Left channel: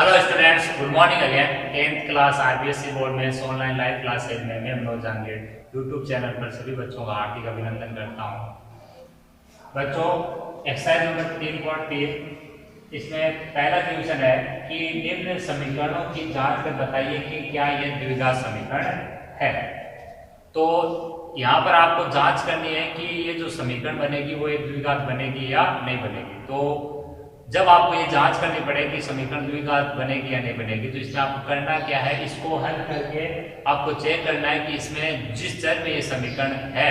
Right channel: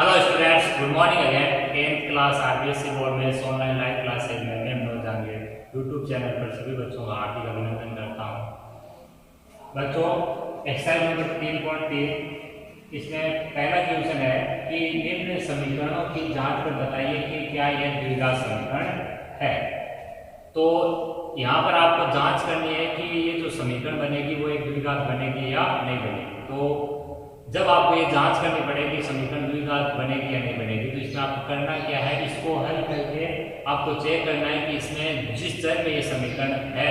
Hello students, good morning again. 10th class RBSC board में online live classes में मैं Manoj Jahangir YouTube channel पर सभी बच्चों का हार्दिक अभिनंदन करता हूं। बच्चों, एक्सरसाइज नंबर 3.3 इसमें पहला क्वेश्चन है कि निम्न समीकरणों की जांच कर बताइए कि क्या यह द्विघात समीकरण है। तो यहाँ पर आपको जांच करनी है कि ये जो समीकरण बनेगी वो एक द्विघात बनेगी या नहीं बनेगी। तो जब आपको ये जांच करनी पड़ेगी समीकरण द्विघात बनेगी या नहीं बनेगी, तो इसमें आपको करना क्या है, इसको हल करके आपको चेक करना है कि इसमें जिस चर में ये समीकरण है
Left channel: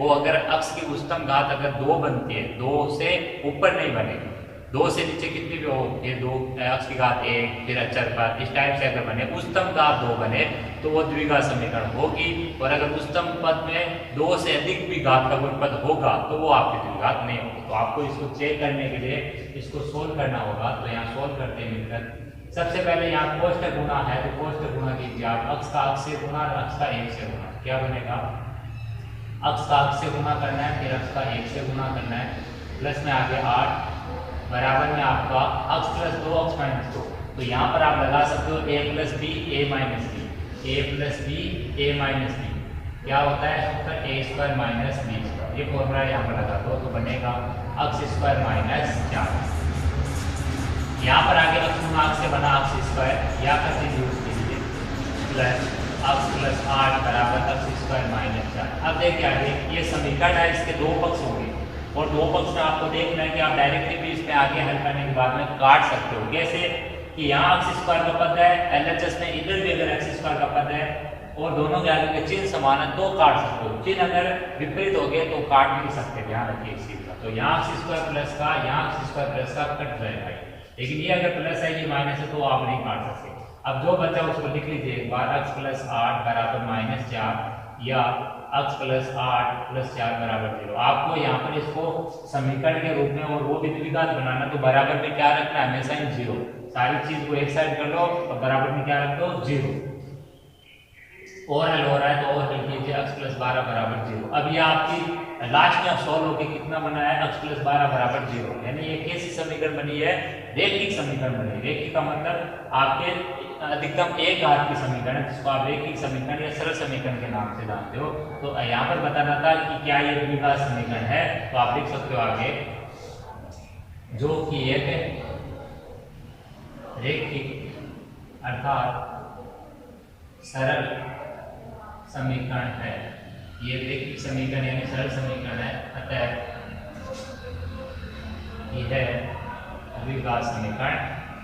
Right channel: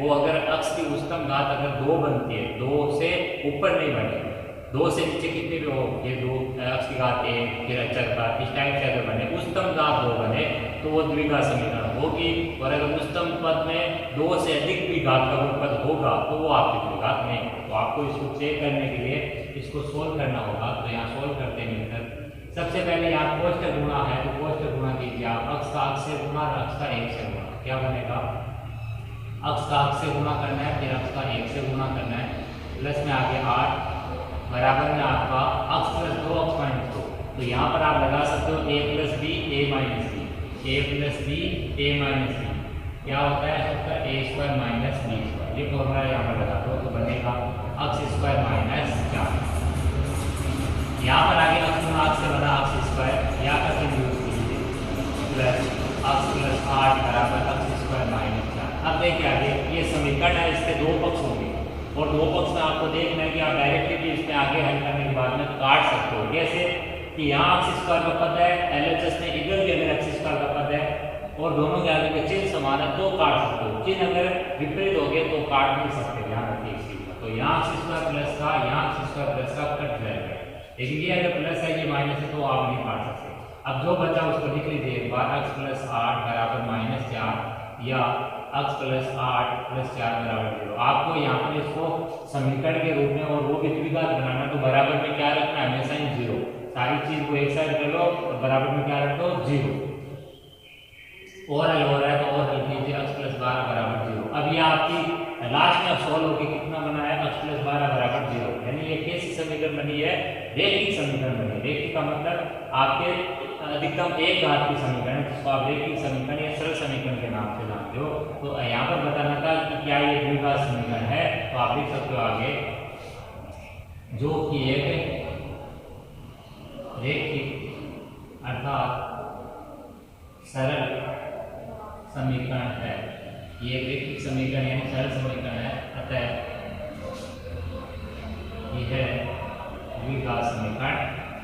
वो अगर अक्ष की उच्चतम घात अगर 2 बनती है, 2 से ऊपर नहीं बनेगी, 2 से नीचे कितनी भी हो, ये 2 अक्ष की घात 1 फिर अचर घात इस टाइप से अगर बने, उच्चतम घात 2 बने तो वो द्विघात समीकरण होगी। और अगर उच्चतम पद में 2 से अधिक भी घात का कोई पद होगा तो वो आपकी द्विघात नहीं होगी। तो आपको इसको चेक करने के लिए इसको सोल्व करना होगा। तो यहाँ सोल्व करते हैं मिलकर सबसे पहले यहाँ कोष्ठक गुणा है तो कोष्ठक गुणा कीजिए आप, अक्ष का अक्ष से गुणा और अक्ष का 1 से गुणा। क्या बनेगा, अक्ष का अक्ष से गुणा करना है फिर अक्ष का 1 से गुणा करना है, प्लस में आगे 8 बराबर में आपका अक्ष प्लस 2 अक्ष माइनस 2। तो यहाँ पर आप लगा सकते हो a plus B A minus B, A plus B A minus B क्या होता है उसका A square minus B square. ये फॉर्मूला यहाँ पर लगा दो तो बनेगा अक्ष स्क्वायर माइनस 4। यहाँ पर आगे अक्ष गुणा अक्ष से बना अक्ष स्क्वायर या का यूज कीजिए प्लस अक्ष प्लस 8 बराबर अक्ष स्क्वायर माइनस 4। अब देखिए आगे ये समीकरण है, इसके दो पक्ष होंगे और दो पक्ष में आपको देखना है कि आप डायरेक्टली भी इसमें आगे हल करने के बाद में काट सकते हो। कैसे कि यहाँ अक्ष स्क्वायर का पद है, एलएचएस में इधर भी अगर अक्ष स्क्वायर का पद है और दोनों के आगे के चिन्ह समान है तो काट सकते हो। चिन्ह अगर विपरीत हो गए तो काट नहीं सकते, ध्यान रखिए इस चीज का। तो यहाँ अक्ष स्क्वायर प्लस का यहाँ अक्ष स्क्वायर प्लस का कट जाएगा, लेकिन ये अगर प्लस है ये माइनस है तो आप नहीं काट सकते। अब जो बचा उसको लिख लीजिए एक बार, अक्ष प्लस 8 बराबर माइनस 4 या अक्ष प्लस 8 प्लस 4 बराबर 0। आपको यहाँ पर इसको समीकरण के रूप में और वो भी द्विघात बनाना तो बराबर में क्या रखना है, हमेशा ही 0। सारी चीज को एक साइड कर लो और बराबर में क्या रख दो 0। और हल हो रहा है तो और लिख लीजिए अक्ष प्लस 12 बराबर 0। अब ये आपकी लास्ट में सॉल्व होकर कितना बना है, अक्ष प्लस 12 बराबर 0। यानी ये कैसी समीकरण बनी है, रेखिक समीकरण बनी। रेखिक का मतलब आपके अधिकतम एक घात की समीकरण है जिसको आप रेखिक समीकरण या सरल समीकरण के नाम से जानते हो। तो यहाँ पर बताना था कि क्या ये द्विघात समीकरण है, तो आप लिख सकते हो आगे जो कि एक रेखिक अर्थात सरल समीकरण है। ये रेखिक समीकरण यानी सरल समीकरण है, अतः यह द्विघात समीकरण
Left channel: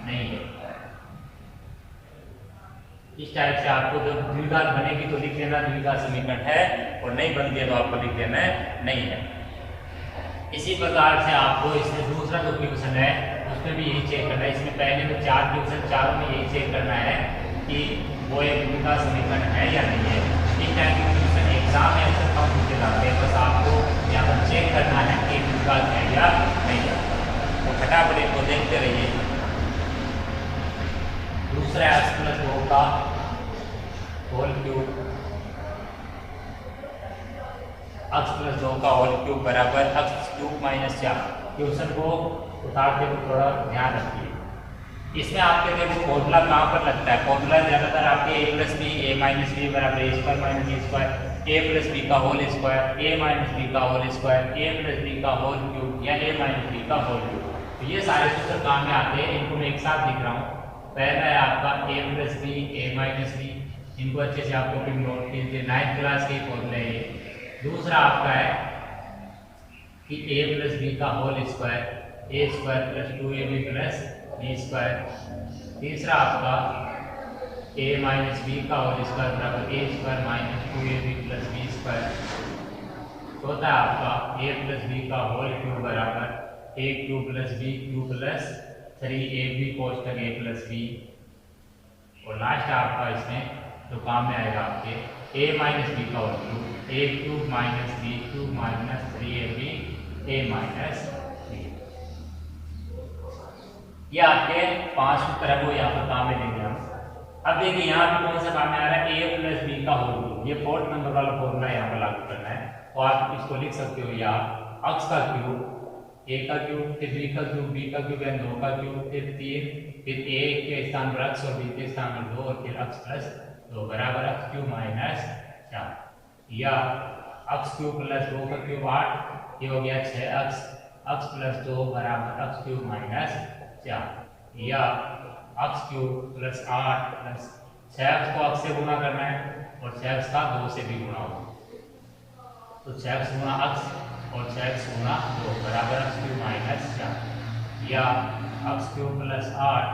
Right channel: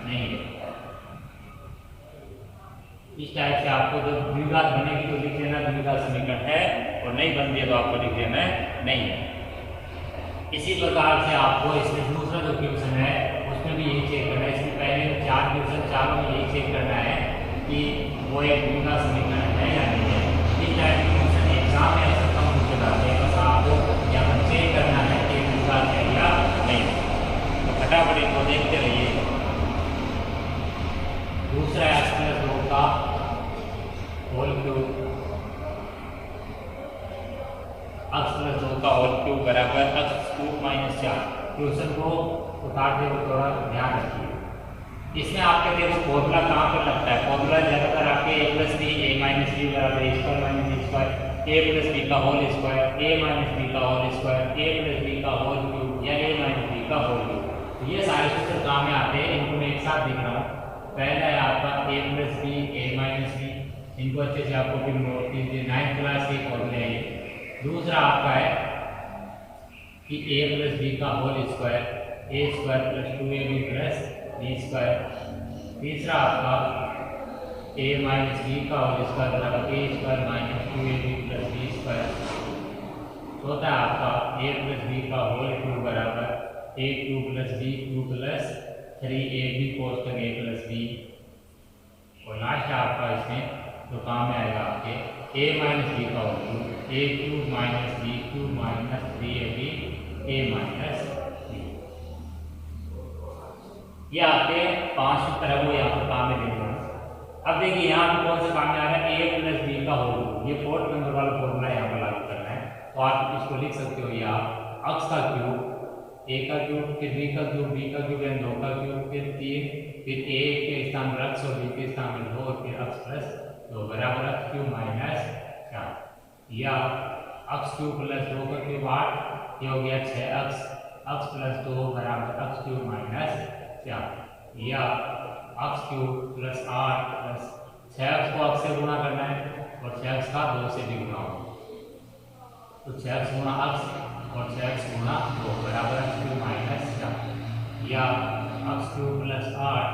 नहीं है। इस टाइप से आपको जब द्विघात बनेगी तो लिख देना द्विघात समीकरण है और नहीं बनती है तो आपको लिख देना है नहीं है। इसी प्रकार से आपको इसमें दूसरा जो क्वेश्चन है उसमें भी यही चेक करना है। इसमें पहले 4 क्वेश्चन चारों में यही चेक करना है कि वो एक द्विघात समीकरण है या नहीं है। इस टाइप के क्वेश्चन एग्जाम में ऐसे कम क्वेश्चन आते हैं, बस आपको यहाँ पर चेक करना है कि द्विघात है या नहीं। तो फटाफट इनको देखते रहिए। दूसरा एक्स प्लस 2 का होल क्यूब, एक्स प्लस 2 का होल क्यूब बराबर एक्स क्यूब माइनस 4। क्वेश्चन को उतारते हुए थोड़ा ध्यान रखिए। इसमें आपके देखो फॉर्मूला कहाँ पर लगता है, फॉर्मूला ज्यादातर आपके ए plus B A minus B बराबर A square minus B square, A plus B का होल स्क्वायर, ए माइनस बी का होल स्क्वायर, ए प्लस बी का होल क्यूब या ए माइनस बी का होल क्यूब। तो ये सारे सूत्र काम में आते हैं, इनको मैं एक साथ लिख रहा हूँ। पहला है आपका a plus B A minus B, इनको अच्छे से आपको फिर नोट कीजिए, 9th क्लास के फॉर्मूले हैं। दूसरा आपका है कि a प्लस बी का whole square, A square plus 2ab plus B square. तीसरा आपका a माइनस बी का होल स्क्वायर बराबर A square minus 2ab plus B square. चौथा आपका a प्लस बी का होल क्यूब बराबर A cube plus B cube plus 3ab कोष्ठक a plus B. और लास्ट आपका इसमें जो काम में आएगा आपके a माइनस बी का whole cube, A cube minus B cube minus 3ab a minus B. ये आपके 5 सूत्र को यहाँ पर काम में लेंगे हम। अब देखिए यहाँ पे कौन सा काम में आ रहा है, a प्लस बी का होल क्यूब। ये 4th नंबर वाला फॉर्मूला यहाँ पर लागू करना है। तो आप इसको लिख सकते हो, या अक्ष का क्यूब a का क्यूब, फिर b का क्यूब, b का क्यूब यानी 2 का क्यूब, फिर 3, फिर a के स्थान पर x और b के स्थान पर 2 और फिर x प्लस 2 बराबर x क्यूब माइनस 4, या x क्यूब प्लस 2 का क्यूब 8, ये हो गया 6x, x प्लस 2 बराबर x क्यूब माइनस 4, या x cube plus 8 plus 6x को x से गुणा करना है और 6x का 2 से भी गुणा होगा, तो 6x गुणा x और 6x गुणा 2 बराबर x क्यूब माइनस 4, या x cube plus 8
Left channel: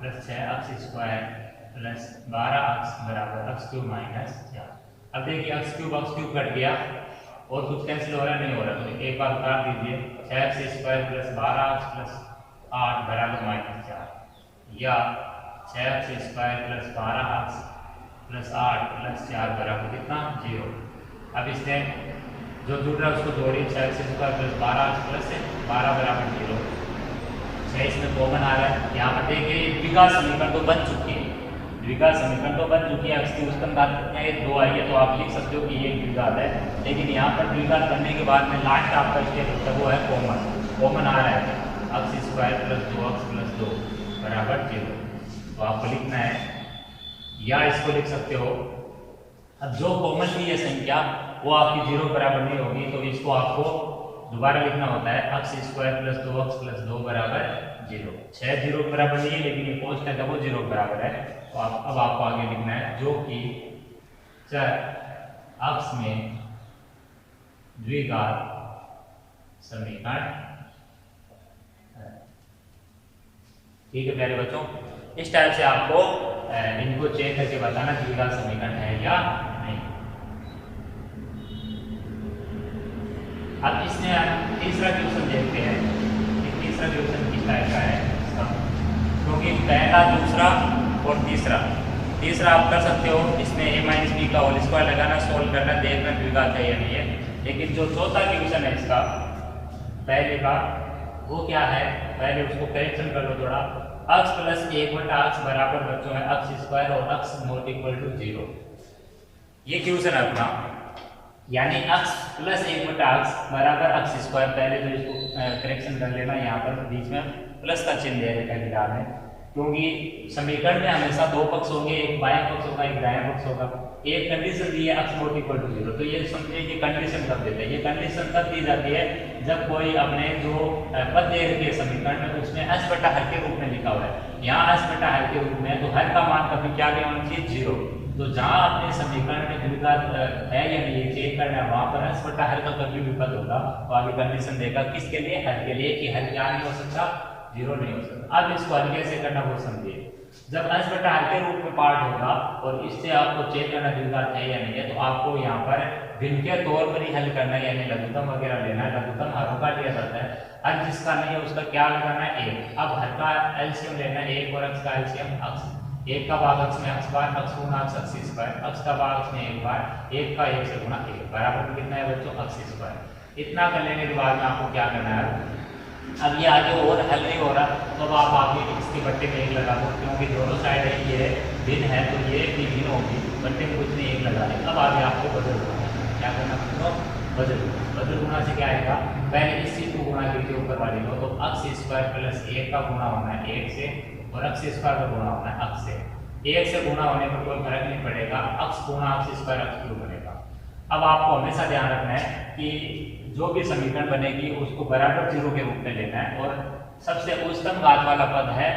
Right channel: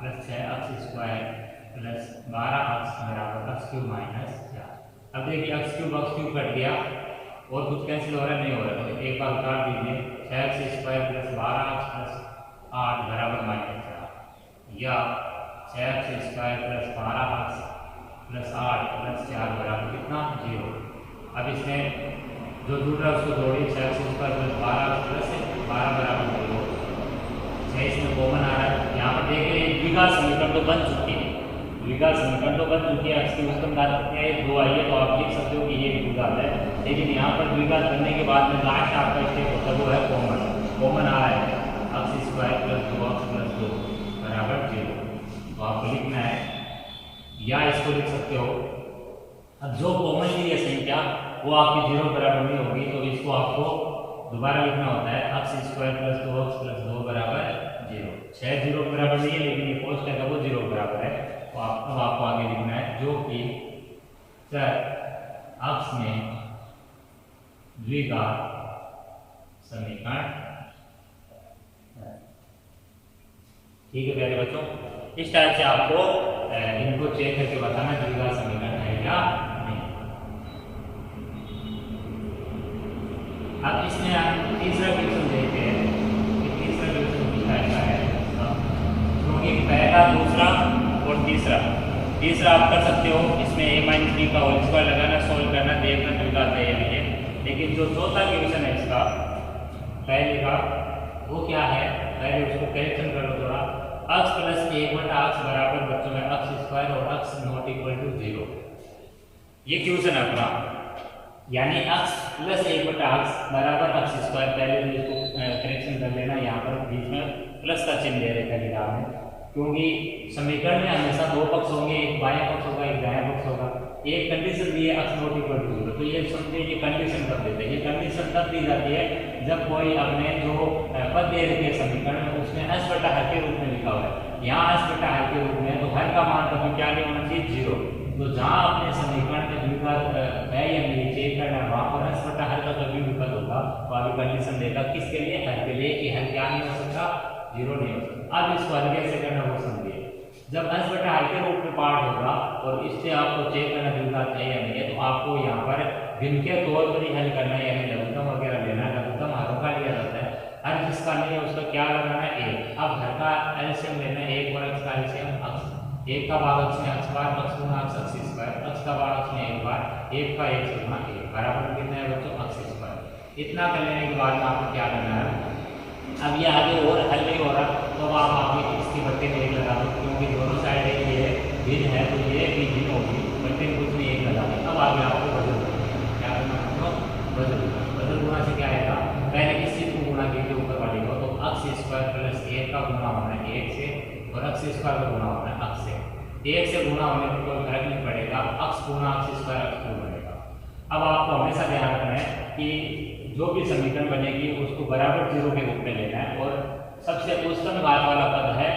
plus 6x square plus 12x बराबर x क्यूब माइनस 4। अब देखिए x क्यूब कट गया और कुछ कैंसिल हो रहा है, नहीं हो रहा, तो एक बार उतार दीजिए, 6x square plus 12x plus 8 बराबर माइनस 4, या 6x square plus 12x plus 8 plus 4 बराबर कितना 0। अब इसमें जो जुड़ रहा है उसको जोड़िए, 6x square plus 12x plus 12 बराबर 0, 6 इसमें कॉमन आ रहा है। यहाँ पर देखिए ये द्विघात समीकरण तो बन चुकी है, द्विघात समीकरण तो बन चुकी है, x की उत्पन्न घात कितनी है 2 आई है, तो आप लिख सकते हो कि ये द्विघात है, लेकिन यहाँ पर द्विघात करने के बाद में लास्ट आपका स्टेप होता है वो है कॉमन आ रहा है, x square plus 2x plus 2 बराबर 0, तो आपको लिखना है, या इसको लिख सकते हो। अब जो कॉमन ली है संख्या वो आपकी 0 बराबर नहीं होगी, तो इसको आपको दोबारा लिखना होता है x square plus 2x plus 2 बराबर 0। 6 0 बराबर नहीं है, लेकिन ये पोस्ट है तो वो 0 बराबर है, तो अब आपको आगे लिखना है जो कि चर x में द्विघात समीकरण है। ठीक है प्यारे बच्चों, इस टाइप से आपको इनको चेक करके बताना द्विघात समीकरण है या नहीं। अब इसमें हम तीसरा क्वेश्चन देखते हैं, तीसरा क्वेश्चन किस टाइप का है, क्योंकि पहला दूसरा और तीसरा आप कर सकते हो, इसमें a माइनस बी का होल स्क्वायर लगाना, सोल्व करना, देखना द्विघात है या नहीं है। लेकिन जो चौथा क्वेश्चन है इसका पहले का वो क्या है, पहले उसको कैंसिल कर लो थोड़ा, x प्लस 1/x बराबर बच्चों में x स्क्वायर और x नॉट इक्वल टू 0, ये क्वेश्चन है अपना, यानी x प्लस 1/x बराबर x स्क्वायर। पहले तो इसको करेक्शन कर लेना, यहाँ पर बीच में प्लस का चिन्ह दे रखा है निकाल में, क्योंकि समीकरण में हमेशा दो पक्ष होंगे, एक बायां पक्ष होगा एक दायां पक्ष होगा। एक कंडीशन दी है x नॉट इक्वल टू 0, तो ये समझिए ये कंडीशन कब देते हैं, ये कंडीशन तब दी जाती है जब कोई अपने जो पद दे रखी है समीकरण में उसमें h बटा हर के रूप में लिखा हुआ है, यहाँ h बटा हर के रूप में, तो हर का मान कभी क्या नहीं होना चाहिए 0। तो जहाँ अपने समीकरण में द्विघात है या नहीं चेक करना है, वहाँ पर h बटा हर का कभी विकल्प होगा, तो आगे कंडीशन देगा किसके लिए, हर के लिए, कि हर क्या नहीं हो सकता 0 नहीं हो सकता। अब इसको हल कैसे करना वो समझिए, जब h बटा हर के रूप में पार्ट होगा और इससे आपको चेक करना द्विघात है या नहीं है, तो आपको यहाँ पर भिन्न के तौर पर ही हल करना है, यानी लघुत्तम वगैरह लेना है, लघुत्तम हरों का लिया जाता है, हर जिसका नहीं है उसका क्या लगाना है 1। अब हर का एलसीएम लेना है 1 और x का एलसीएम x, 1 का भाग x में x बार, x गुना x स्क्वायर, x का भाग x में 1 बार, 1 का 1 से गुना 1 बराबर कितना है बच्चों x स्क्वायर। इतना कर लेने के बाद में आपको क्या करना है, अब ये आगे और हल नहीं हो रहा तो अब आप आगे इसकी बट्टे में 1 लगा दो, क्योंकि दोनों साइड है ये भिन्न है, तो ये भी भिन्न होगी, बट्टे में कुछ नहीं 1 लगा दे। अब आगे आपको बदल क्या करना होगा, बदल गुणा से क्या आएगा, पहले इस चीज को गुणा कीजिए ऊपर वाली को, तो x स्क्वायर प्लस 1 का गुणा होना है 1 से और x स्क्वायर का गुणा होना है x से। 1 से गुणा होने पर कोई फर्क नहीं पड़ेगा, x गुणा x स्क्वायर x क्यूब बनेगा। अब आपको हमेशा ध्यान रखना है कि जो भी समीकरण बनेगी उसको बराबर 0 के रूप में लेना है, और सबसे उच्चतम घात वाला पद है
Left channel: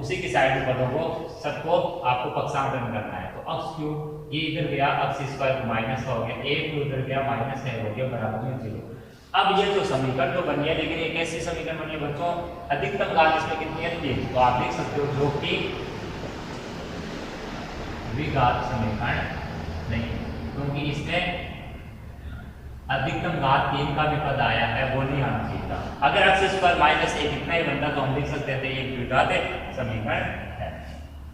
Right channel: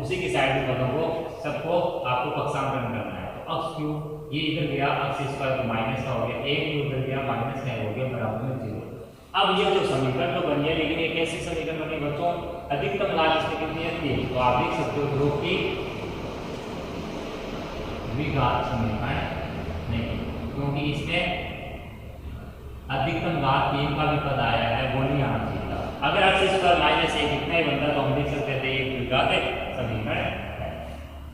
उसी की साइड पदों को सबको आपको पक्षांतरण करना है। तो x क्यूब ये इधर गया, x स्क्वायर माइनस का हो गया, 1 क्यूब इधर गया माइनस का हो गया बराबर में 0। अब ये जो समीकरण तो बनी है, लेकिन ये कैसी समीकरण बनी है बच्चों, अधिकतम घात इसमें कितनी है 3, तो आप लिख सकते हो जो कि द्विघात समीकरण नहीं, क्योंकि इसमें अधिकतम घात 3 का भी पद आया है, वो नहीं आना चाहिए था। अगर x स्क्वायर माइनस 1 इतना ही बनता तो हम लिख सकते थे एक द्विघात समीकरण है।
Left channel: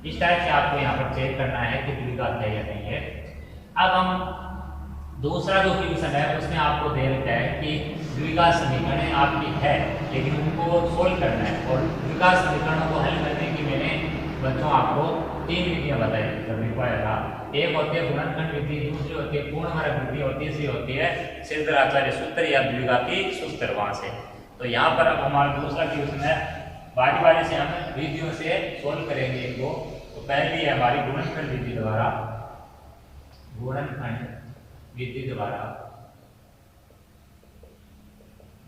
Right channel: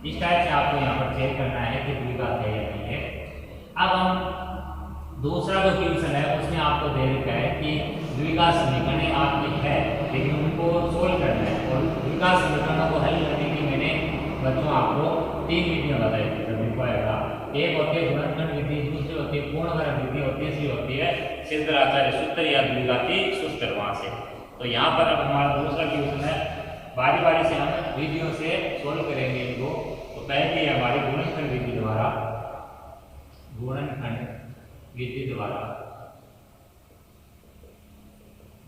इस टाइप से आपको यहाँ पर चेक करना है कि द्विघात है या नहीं है। अब हम दूसरा जो क्वेश्चन है उसमें आपको दे रखा है कि द्विघात समीकरण आपकी है, लेकिन उनको सोल्व करना है, और द्विघात समीकरणों को हल करने की मैंने बच्चों आपको 3 विधियां बताई थी सभी को आएगा। एक होती है गुणनखंड विधि, दूसरी होती है पूर्णवर्ग विधि और तीसरी होती है सिद्धाचार्य सूत्र या द्विघाती सूत्र। वहां से तो तो यहाँ पर अब हमारा दूसरा क्वेश्चन है, बारी बारी से हम विधियों से सोल्व करेंगे इनको। तो पहली है हमारी गुणनखंड विधि द्वारा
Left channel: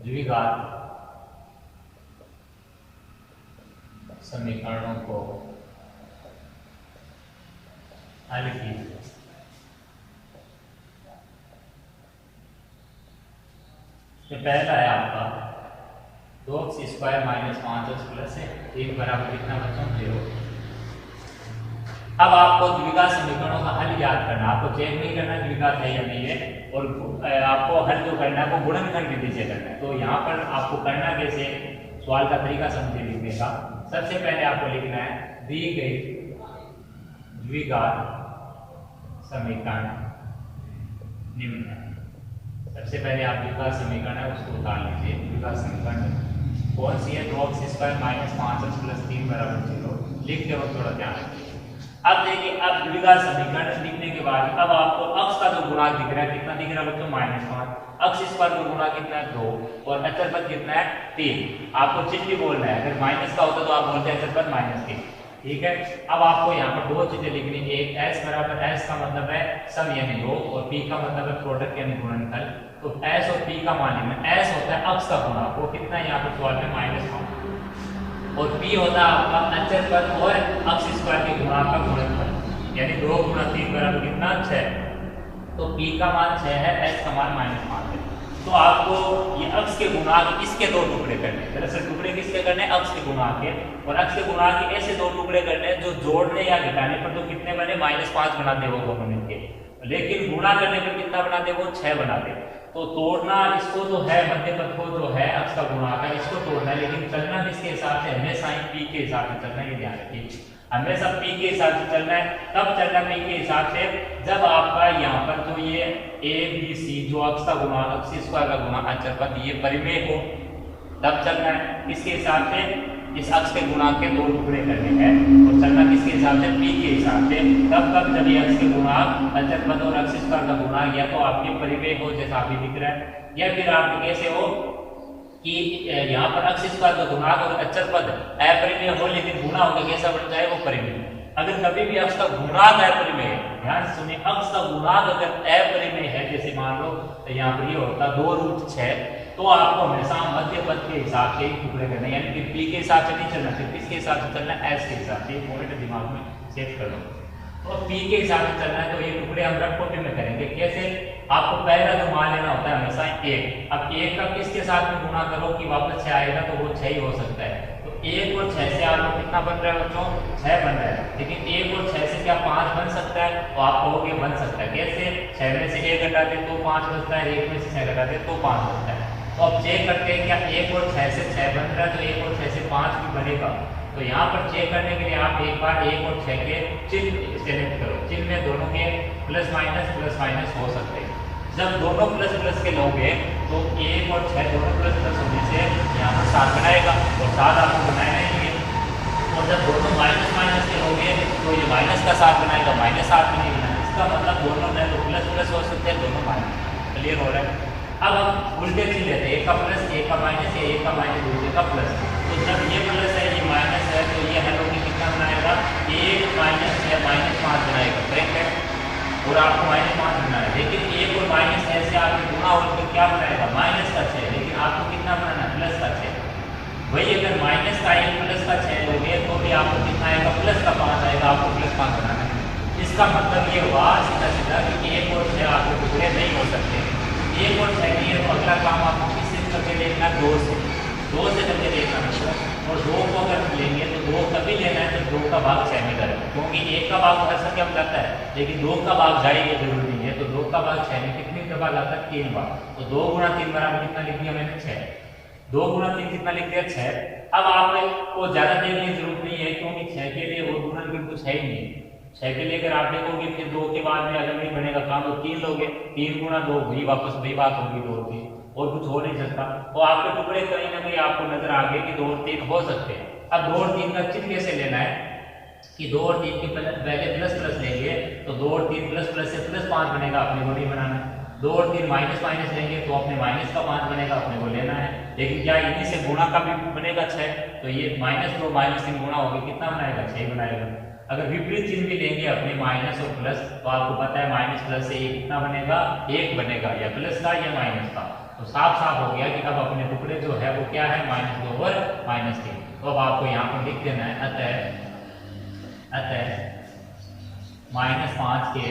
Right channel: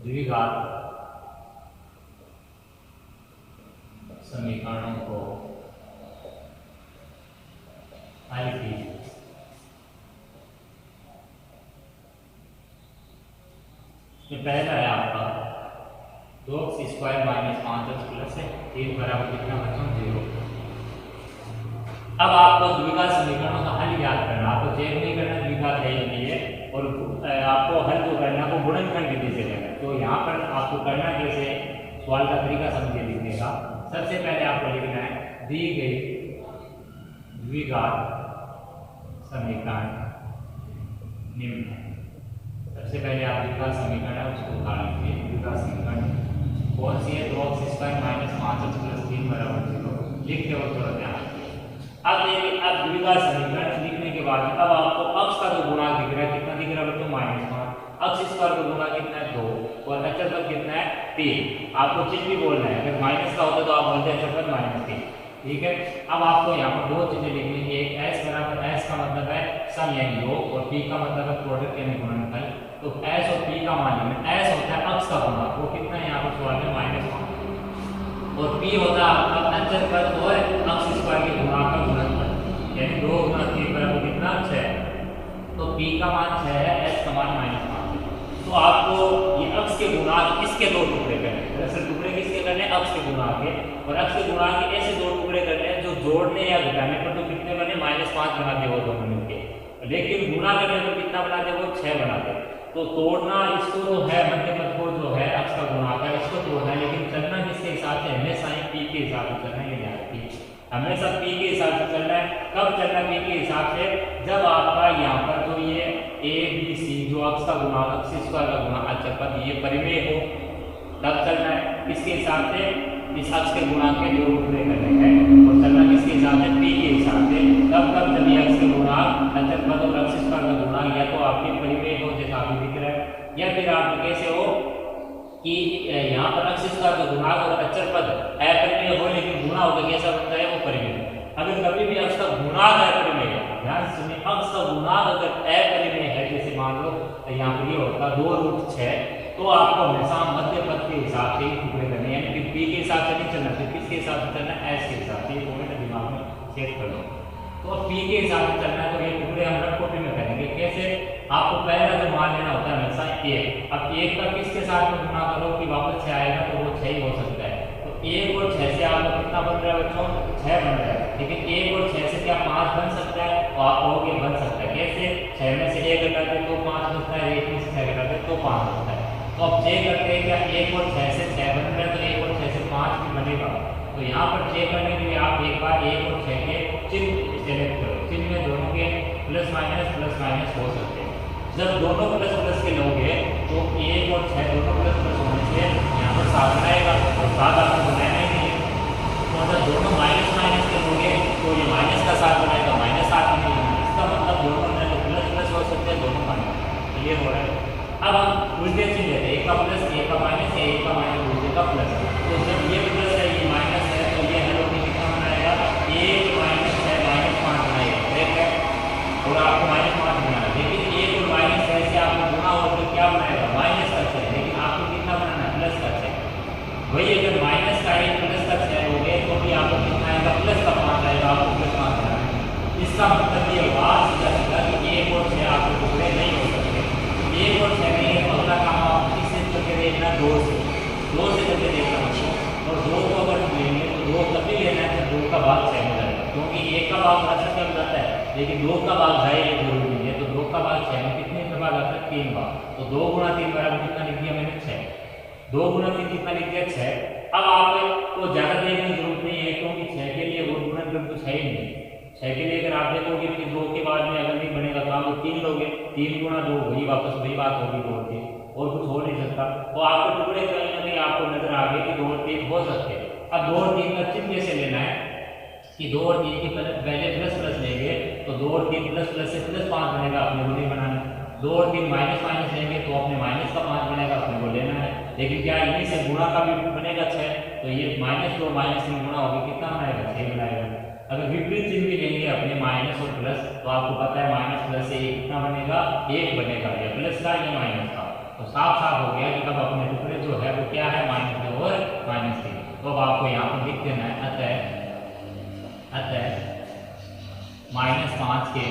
द्विघात समीकरणों को हल कीजिए। पहला है आपका 2x² - 5x + 3 बराबर कितना बच्चों 0। अब आपको द्विघात समीकरणों का हल याद करना, आपको चेक नहीं करना द्विघात है या नहीं है, और आपको हल जो करना है आपको गुणनखंड विधि से करना है। तो यहाँ पर आपको करना कैसे, सवाल का तरीका समझे लिखने का। सबसे पहले आपको लिखना है दी गई द्विघात समीकरण निम्न है। सबसे पहले आप द्विघात समीकरण है उसको उतार लीजिए। द्विघात समीकरण कौन सी है, 2x² - 5x + 3 बराबर 0। लिखते वक्त थोड़ा ध्यान रखिए। अब देखिए, अब द्विघात समीकरण लिखने के बाद अब आपको अक्ष का जो गुणांक दिख रहा है, कितना दिख रहा है बच्चों -5। अक्ष स्क्वायर का गुणांक कितना है 2 और अचर पद कितना है 3। आपको चिन्ह भी बोलना है, अगर माइनस का होता तो आप बोलते अचर पद -3। ठीक है, अब आपको यहाँ पर दो चीजें लिखनी है। एक s बराबर, s का मतलब है सम यानी योग, और p का मतलब है प्रोडक्ट यानी गुणनफल। तो s और p का मान लेना, s होता है अक्ष का गुणांक, वो कितना है यहाँ पर सवाल में -5, और p होता है आपका अचर पद और अक्ष स्क्वायर के गुणांक का गुणनफल, यानी 2 × 3 बराबर कितना 6। तो p का मान 6 है, s का मान -5 है। तो आपको ये अक्ष के गुणांक इसके दो टुकड़े करने हैं। दरअसल टुकड़े किसके करने हैं, अक्ष के गुणांक के, और अक्ष के गुणांक के ऐसे दो टुकड़े करने हैं जो जोड़ने या घटाने पर जो कितने बने -5 बनाते वो दोनों मिलके, लेकिन गुणा करने पर कितना बनाते वो 6 बनाते। तो तोड़ना इसको तो है, मध्य पद को जो है अक्ष का गुणांक है इसको तोड़ना है, लेकिन चलना किसके हिसाब से, हमेशा ही p के हिसाब से चलना है। याद रखिए, हमेशा p के हिसाब से चलना है। कब चलना p के हिसाब से, जब आपका यहाँ पर जो ये a b c जो अक्ष का गुणांक, अक्ष स्क्वायर का गुणांक अचर पद ये परिमेय हो, तब चलना है इसके हिसाब से। इस अक्ष के गुणांक के दो टुकड़े करने हैं, तो चलना किसके हिसाब से, p के हिसाब से। तब जब ये अक्ष के गुणांक अचर पद और अक्ष स्क्वायर का गुणांक या तो आपके परिमेय हो जैसा अभी दिख रहा है, या फिर आप कैसे हो कि यहाँ पर अक्ष स्क्वायर का गुणांक और अचर पद अपरिमेय हो, लेकिन गुणा होकर कैसा बन जाए वो परिमेय। अगर कभी भी अक्ष का गुणांक अपरिमेय है, ध्यान से सुनिए, अक्ष का गुणांक अगर अपरिमेय है, जैसे मान लो यहाँ पर ये होता 2√6, तो आपको हमेशा मध्य पद के हिसाब से टुकड़े करने, यानी कि p के हिसाब से नहीं चलना, फिर किसके हिसाब से चलना है, s के हिसाब से। पॉइंट दिमाग में सेट कर लो। तो p के हिसाब से चलना है, तो ये टुकड़े हम रफ कॉपी में करेंगे। कैसे, आपको पहला जो मान लेना होता है हमेशा 1। अब 1 का किसके साथ में गुणा करो कि वापस 6 आएगा, तो वो 6 ही हो सकता है। तो 1 और 6 से आपको कितना बन रहा है बच्चों, 6 बन रहा है। लेकिन 1 और 6 से क्या 5 बन सकता है, तो आप कहोगे बन सकता है। कैसे, 6 में से 1 घटा दे तो 5 बचता है, 1 में से 6 घटा दे तो 5 बचता है। तो अब चेक करते हैं क्या 1 और 6 से 6 बन रहा है, तो 1 और 6 से 5 भी बनेगा। तो यहाँ पर चेक करने के लिए आप एक बार 1 और 6 के चिन्ह सेलेक्ट करो। चिन्ह में दोनों के प्लस माइनस हो सकते हैं। जब दोनों प्लस के लोगे तो 1 और 6 दोनों प्लस होने से यहाँ पर 7 बनाएगा, और 7 आपको बनाना ही है। तो जब दोनों माइनस के लोगे तो ये माइनस का 7 बनाएगा, -8 भी नहीं है। इसका मतलब दोनों है तो प्लस हो सकते हैं, दोनों माइनस। क्लियर हो रहा है। अब हम उल्टे चिन्ह लेते हैं, 1 का प्लस 1 का माइनस, या 1 का माइनस 2 का प्लस। तो जब ये प्लस है ये माइनस है, तो ये हल होकर कितना बनाएगा, 1 - 6 -5 बनाएगा। करेक्ट है, और आपको -5 बनाना है। लेकिन 1 और -6 से आपने गुणा होकर क्या बनाएगा, माइनस का 6। लेकिन आपको कितना बनाना है, प्लस का 6। वही अगर माइनस का 1 प्लस का 6 लोगे तो भी आपको कितना आएगा, प्लस का 5 आएगा। आपको प्लस 5 बनाना है। इसका मतलब ये हुआ सीधा कि 1 और 6 आपके टुकड़े नहीं हो सकते। 1 और 6 के लिए अगला काम आप किससे टुकड़े देखना, 2 से टुकड़े देखना। और 2 को अगर लेंगे तो 2 कभी लेना है तो 2 का भाग 6 में जाएगा, क्योंकि 1 का भाग हमेशा क्या जाता है, लेकिन 2 का भाग जाए ये जरूरी नहीं है। तो 2 का भाग 6 में कितने दफा जाता है, 3 बार। तो 2 × 3 बराबर कितना लिख दिया मैंने, 6। 2 × 3 कितना लिख दिया, 6। अब आपको ज्यादा देखने की जरूरत नहीं है, क्योंकि 6 के लिए वो गुणनखंड कुछ है ही नहीं। 6 के लिए अगर आप देखोगे कि 2 के बाद में अगर नहीं बनेगा काम, तो 3 लोगे, 3 × 2 वही वापस वही बात होगी 2 और 3, और कुछ हो नहीं सकता। तो आपके टुकड़े कहीं ना कहीं आपको नजर आ गए कि 2 और 3 हो सकते हैं। अब 2 और 3 का चिन्ह कैसे लेना है कि 2 और 3 के पहले प्लस लेंगे तो 2 और 3 प्लस से +5 बनेगा, अपने को नहीं बनाना है। 2 और 3 माइनस लेंगे तो अपने माइनस का 5 बनेगा, अपने को लेना है। लेकिन क्या इन्हीं से गुणा का भी बनेगा 6, तो ये -2 -3 गुणा होगी कितना बनाएगा 6 बनाएगा। अगर विपरीत चिन्ह भी लेंगे अपने माइनस और प्लस, तो आपको पता है माइनस प्लस से ये कितना बनेगा 1 बनेगा, या प्लस का या माइनस का। तो साफ साफ हो गया कि अब अपने टुकड़े जो है वो क्या है -2 और -3। तो अब आपको यहाँ पर लिख देना है अतः -5 के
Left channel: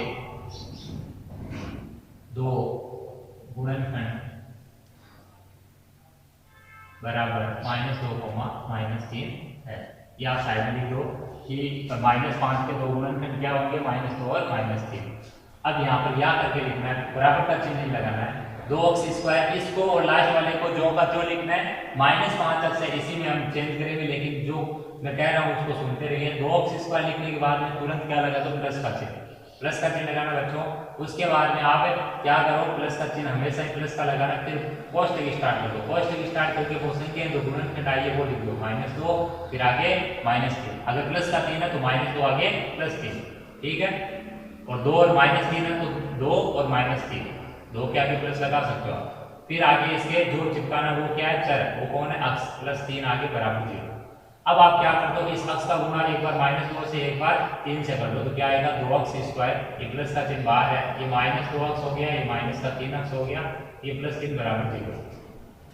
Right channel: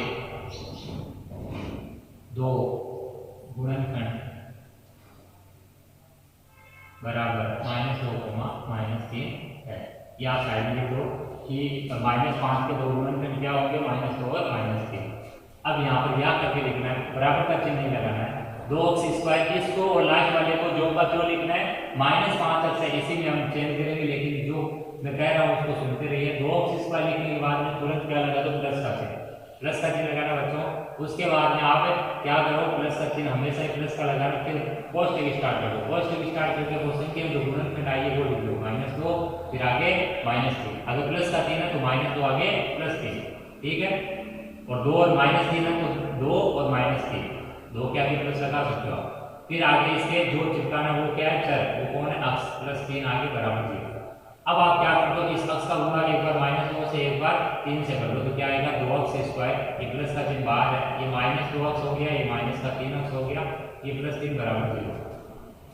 2 गुणनखंड बराबर -2 -3 है। या साइड में लिख दो कि -5 के 2 गुणनखंड क्या होंगे -2 और -3। अब यहाँ पर या करके लिखना है, बराबर का चिन्ह नहीं लगाना है। 2x², इसको और लास्ट वाले को जो का जो लिखना है -5 तक से इसी में हम चेंज करेंगे, लेकिन जो मैं कह रहा हूँ उसको सुनते रहिए। 2x² लिखने के बाद में तुरंत क्या लगा दो प्लस का चिन्ह लगाना बच्चों। उसके बाद में आप क्या करो, प्लस का चिन्ह हमेशा ही प्लस का लगाना, फिर कोष्टक स्टार्ट करो। कोष्टक स्टार्ट करके वो संख्या जो गुणनखंड आई है वो लिख दो -2, फिर आगे -3। अगर प्लस का 3 है तो -2 आगे +3, ठीक है। और 2 और -3 है तो 2 और -3, 2 के आगे प्लस लगा सकते हो। फिर आगे इसके जो चिपकाना वो क्या है चर, वो कौन है अक्ष, +3 आगे बराबर 0। अब आप क्या करते हो, इस अक्ष का गुणा एक बार -2 से एक बार 3 से कर लो, तो क्या आएगा 2x², ये प्लस का चिन्ह बाहर है, ये -2x हो गया, ये माइनस का 3x हो गया, ये +3 बराबर 0।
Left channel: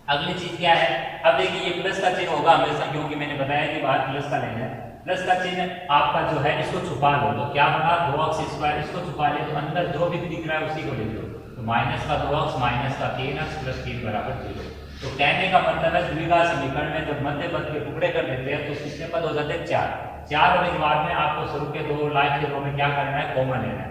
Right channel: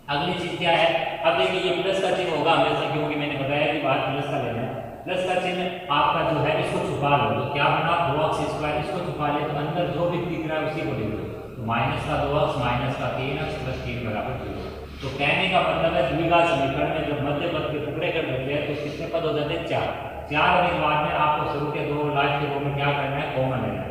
अगली चीज क्या है, अब देखिए ये प्लस का चिन्ह होगा हमेशा, क्योंकि मैंने बताया कि बात प्लस का लेना है। प्लस का चिन्ह आपका जो है इसको छुपा लो, तो क्या बना 2x², इसको छुपा ले तो अंदर जो भी दिख रहा है उसी को लिख दो, तो -2x -3x +3 बराबर 0। तो कहने का मतलब है द्विघात समीकरण में जब मध्य पद के टुकड़े कर देते हैं तो कितने पद हो जाते हैं 4 होने के बाद में आपको शुरू के 2 लास्ट के 2 में क्या करना है, कॉमन लेना है।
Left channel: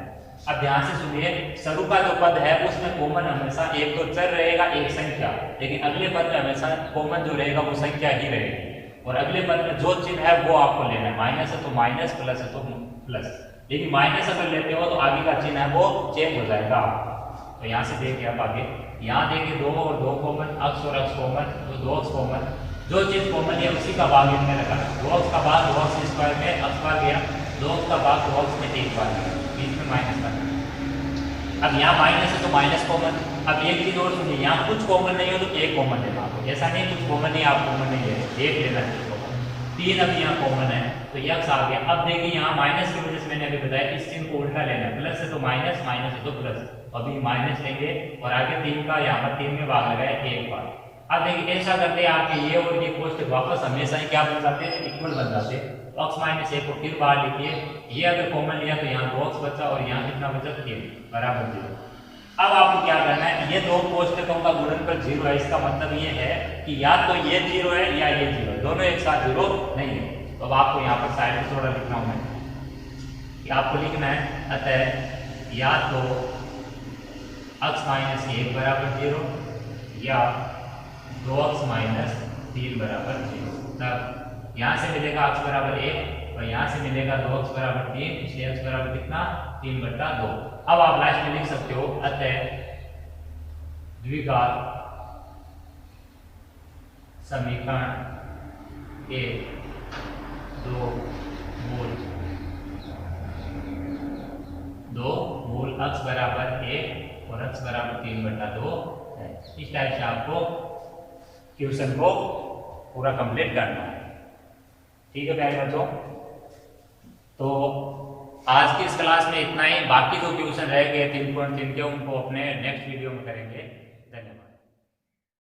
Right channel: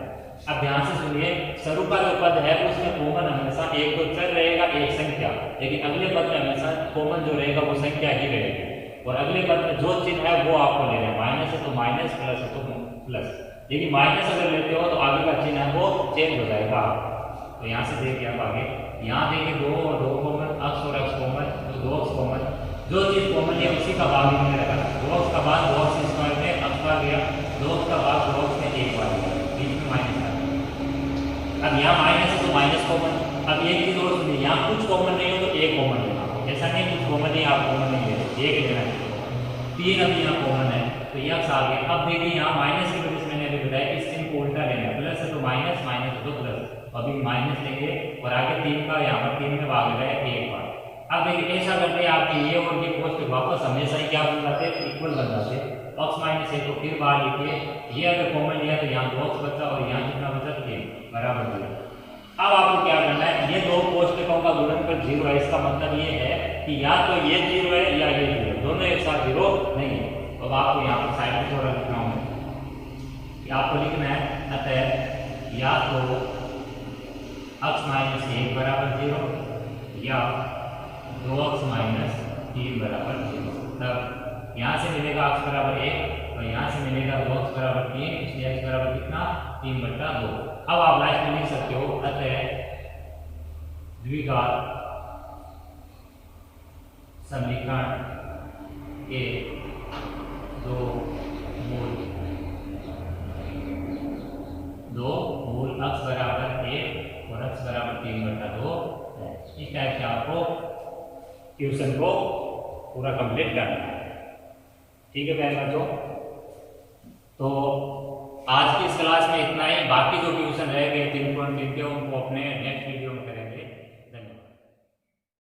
अब ध्यान से सुनिए, शुरू का जो पद है उसमें कॉमन हमेशा एक तो चर रहेगा, एक संख्या, लेकिन अगले पद में हमेशा कॉमन जो रहेगा वो संख्या ही रहेगी। और अगले पद में जो चिन्ह है वो आपको लेना है, माइनस है तो माइनस, प्लस है तो प्लस। लेकिन माइनस अगर लेते हो तो आगे का चिन्ह है वो चेंज हो जाएगा। तो यहाँ से देखिए आप आगे, यहाँ देखिए 2 और 2 कॉमन, अक्ष और अक्ष कॉमन, तो 2x कॉमन, जो चीज कॉमन है उसी का भाग इनमें रखा। 2x का भाग 2x² में अक्ष बार गया, 2x का भाग 2x में एक बार गया, बीच में माइनस आ गया। अब यहाँ माइनस है तो माइनस कॉमन। अब एक चीज और सुनिए, यहाँ कुछ कॉमन नहीं हो तो एक कॉमन लेना, ऐसा नहीं कुछ कॉमन नहीं आप कॉमन नहीं लेते, एक लेना है। 3 अब यहाँ कॉमन है तो ये अक्ष आ गया। अब देखिए यहाँ माइनस की वजह से मैंने अभी बताया कि इस चिन्ह को उल्टा लेना है, प्लस है तो माइनस, माइनस है तो प्लस, अभी माइनस लेंगे और आगे 3 का यहाँ पर 3 में भाग लगाए एक बार। अब देखिए ऐसा करते हैं आपके ये और ये कोष्टक वापस हमेशा ही क्या बन जाते हैं, इक्वल बन जाते हैं। x -1 को फिर बाहर लिखिए, ये अगर कॉमन लिया तो यहाँ 2x बचा और यहाँ कितना बचा 3 बराबर 0। अब आपको क्या करना है, ये दो कोष्टकों का गुणनफल 0 है, इसका मतलब ये है कि या तो ये 0 है या ये 0, दोनों एक साथ 0 नहीं है। तो अब आपको यहाँ पर साइड में थोड़ा लिख रहा हूँ मैं, आपको लिखना है अतः या तो x -1 बराबर 0 या 2x -3 बराबर 0। तब यहाँ से मिलेगा x बराबर 1 और यहाँ से मिलेगा 2x बराबर 3, इसलिए x बराबर कितना 3/2। अब आप लास्ट में लिख सकते हो अतः द्विघात समीकरण के 2 मूल x बराबर 1 और x बराबर 3/2 है। इस टाइप से आपको ट्यूशन को पूरा कंप्लीट करना है, ठीक है प्यारे बच्चों। तो आज की इस क्लास में इतना ही, बाकी जो ट्यूशन रह गए 3.3 के उनको अपने नेक्स्ट वीडियो